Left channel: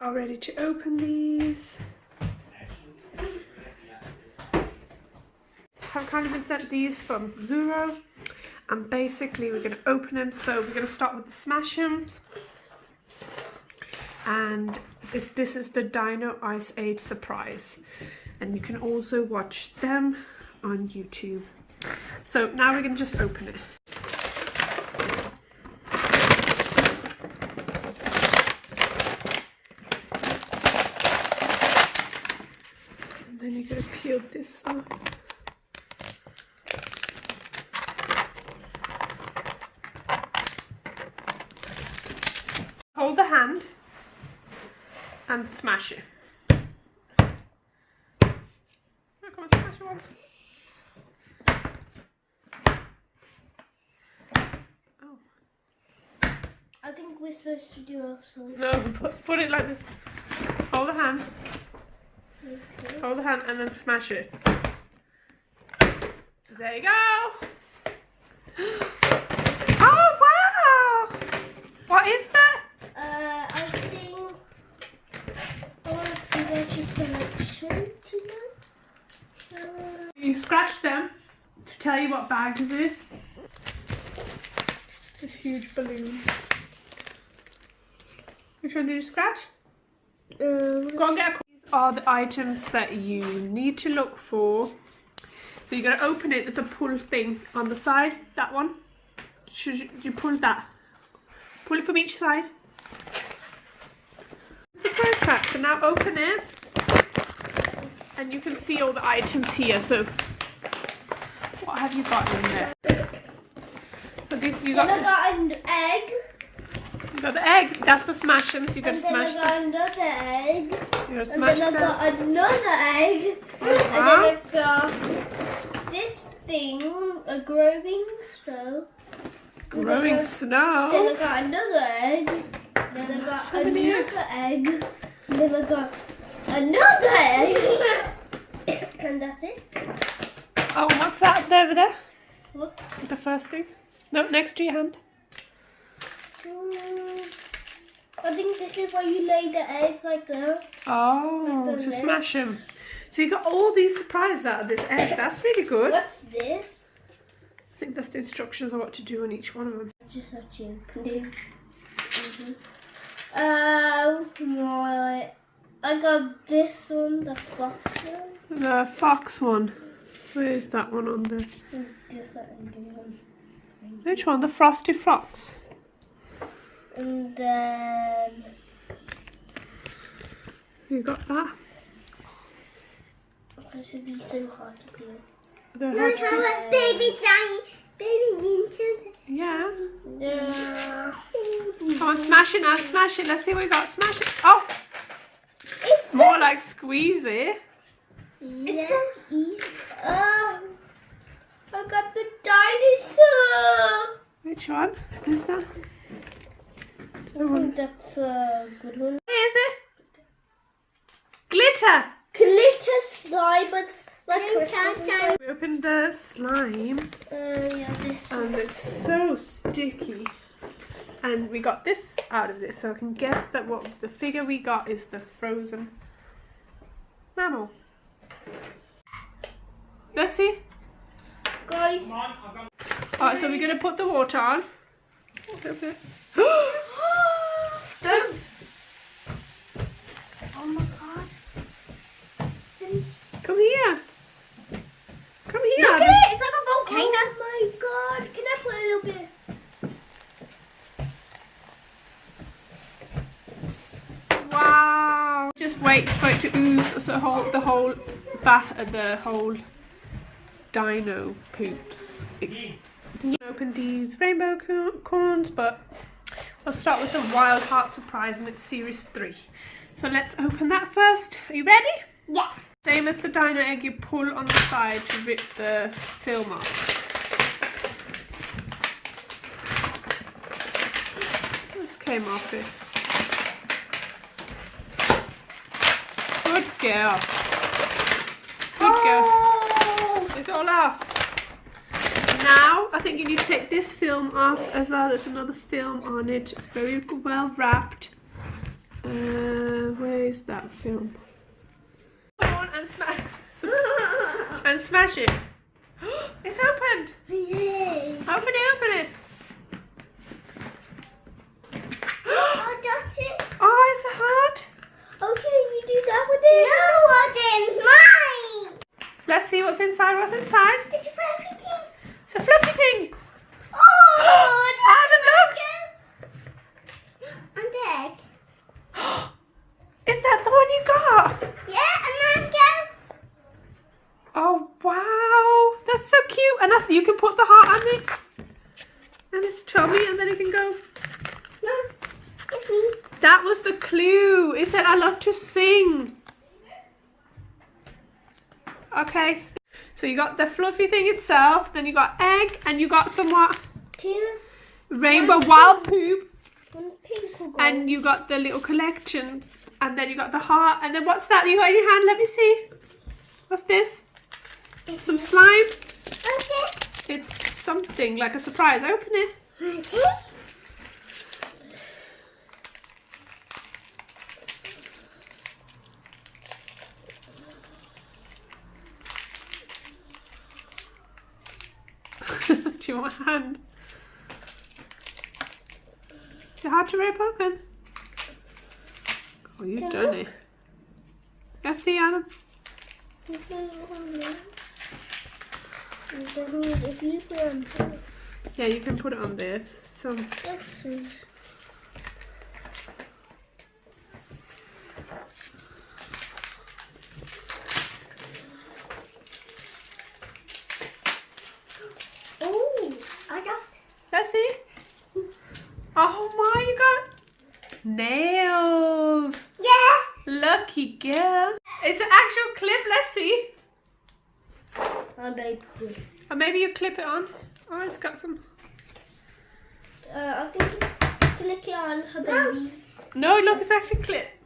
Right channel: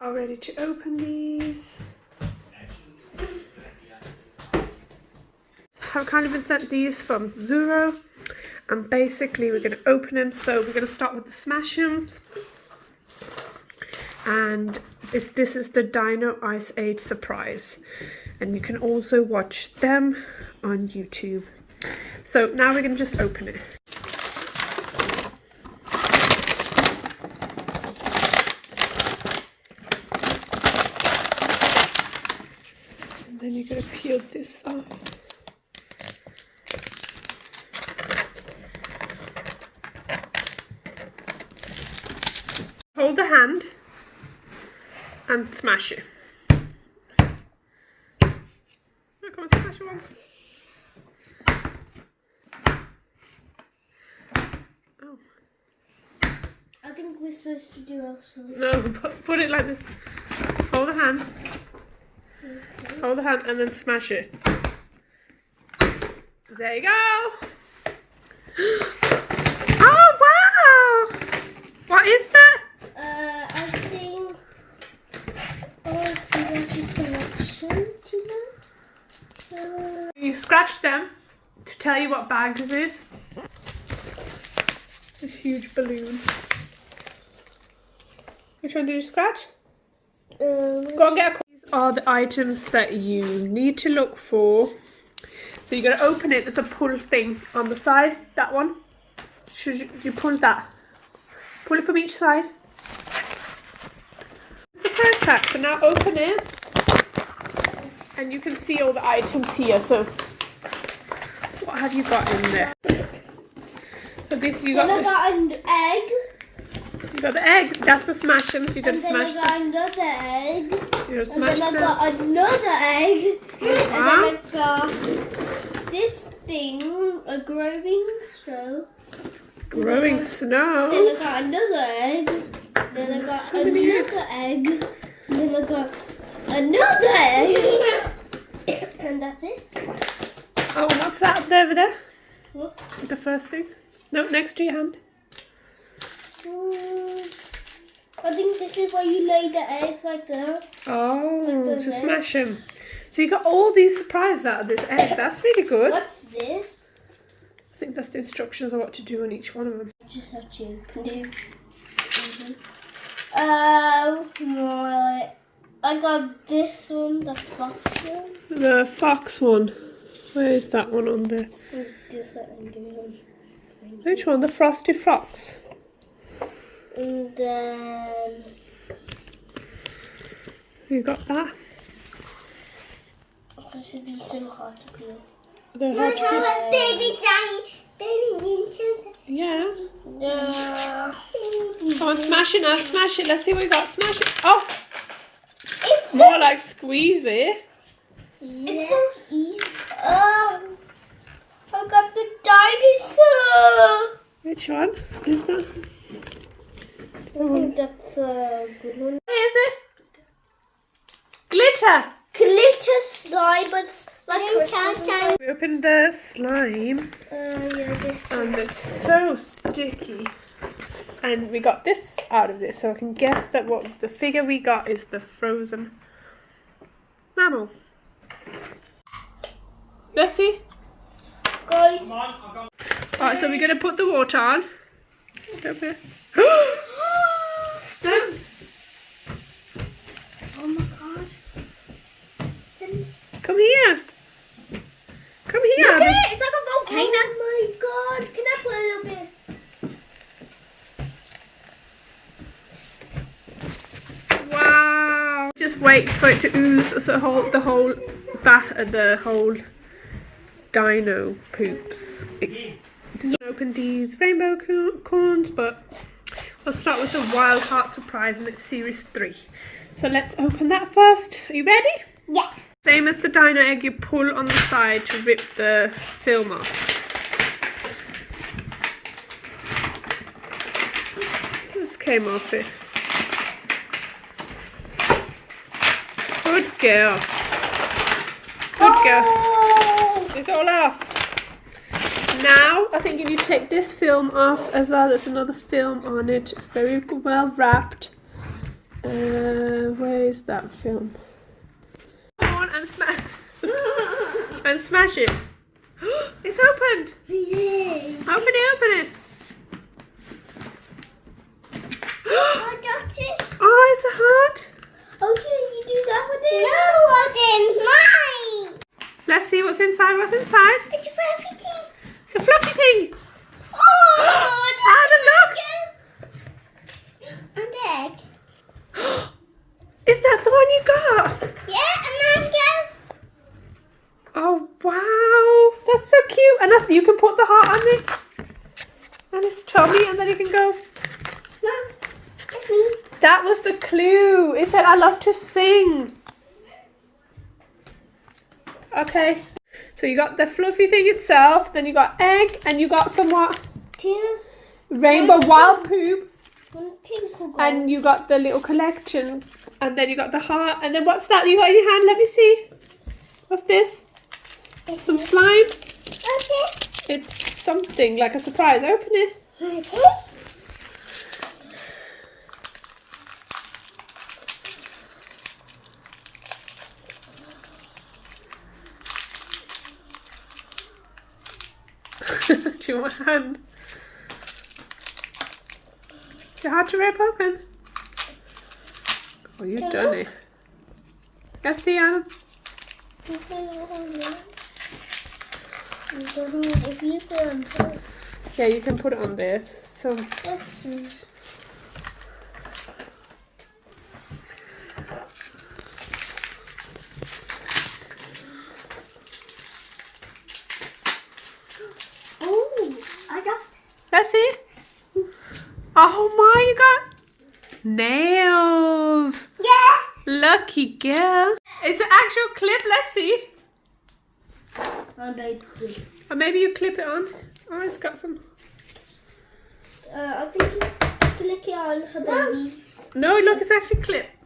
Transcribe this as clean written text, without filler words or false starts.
Are ready to open these. I've kind of been sent these from Zuru, and basically we're going to open them. So we're going to start with the SMASHERS, and this is the Dino Ice Age surprise, and you can also watch them on YouTube. So now we're going to just open it. And then you're going to peel this off. Hold the hand and smash it. Oh, come on, smash it once. Oh. I think we're supposed to do also. No, put it like this. Hold the hand. Okay. Hold the hand and then smash it. There you go. Oh, wow! What is that? I think I want to see what you collection tonight. You scratch them to tell you what bag this is. This huge balloon. Which one did you scratch? Go and get a call. These are the items that you need to look for. So you got to open it. There's a pull thing on the side. That one. Should you pull that? Pull it from each side. Surprise pack. So now open it, and you can see all the items here. So what have you got in there? So this you got. Then I got an egg. You got the egg. That's the SMASHERS. You got to smash them. And then I got another egg. You got to smash them. And then I got another egg. Wow. And then I got this thing, a growing snow. Growing snow. Then I got another egg. Then I got So many eggs. another egg. Then I got another egg. And that's it. Oh, what's that over there? What? The first thing? No, next to your hand. I think this is where you lay the eggs like that. Oh, Like to the smash them. So you got all these surprises out of this egg. That's really good. What's this? I think that's the instructions on what to do on each one of them. Just have to open it. Right. I got this one, the fox one. The fox one. Where is that one on there? Which one? The frosty fox. And then You got that? it should be so hard to peel. The hard to peel. Baby Johnny, Yeah. Yeah. Come on, smash it now. Smash it. Let's see what we got. Smash it. Oh, It's more like squeeze it. It's so easy. I got the dinosaur. Which one is that? I think that's a good one. What is it? Glitter. Glitter slime, but it's like crystals. We opened the slime, Yeah, this and it's so sticky. And we got this out of this, so I can guess that what the figure we got is the frozen mammal. Let's see. Guys. Alright, so we're gonna put the water on. Over here. Don't. Oh my god. Come here. Come here. Look at it. It's like a volcano. Oh my god. Can I put a little bit? Wow. Just wait for it to ooze so the whole dino poops. Open these rainbow corns, but I'll start with the Wild Heart surprise, and it's series 3. So let's open that first. Are you ready? Yeah. Same as the dino egg, you pull on the side to rip the film off. This came off it. Good girl. Good girl. It's all off. Now, I think you need to take this film off as well. There's another film on it. It's very well wrapped. Where is that film? Go on and smash and smash it. It's opened. Yay. Open it, open it. I got it. Oh, it's a heart. Oh, can you do that with it? No, it's mine. Let's see what's inside. What's inside? It's a fluffy thing. It's a fluffy thing. Oh, Adam, look. And egg. Is that the one you got? Yeah, and then again. Oh, wow. That's so cute. And you can put the heart on it. And it's tummy, and then it can go. Mom, it's me. That was the clue. It said, I love to sing. Okay. So you got the fluffy thing itself, then you got egg, and you got some what? Two. Rainbow wild poop. One pink will go. And you got the little collection. And then you got the heart. And then what's that you got in your hand? Let me see. What's this? Some slime. Okay. It's something like a surprise. Open it. Okay. Do you want a hand? Is it hard to rip open? Oh, you've done it. Let's see, Adam. If you put on top, Yeah, you can put it on there. So let's see. Oh, I got. let's see. Oh my, you got nails. Yeah. Lucky girl. It's an actual clip. Let's see. My baby. Or maybe you clip it on. Oh, it's got some. I think you click it on her baby. No, look, it's actually clipped.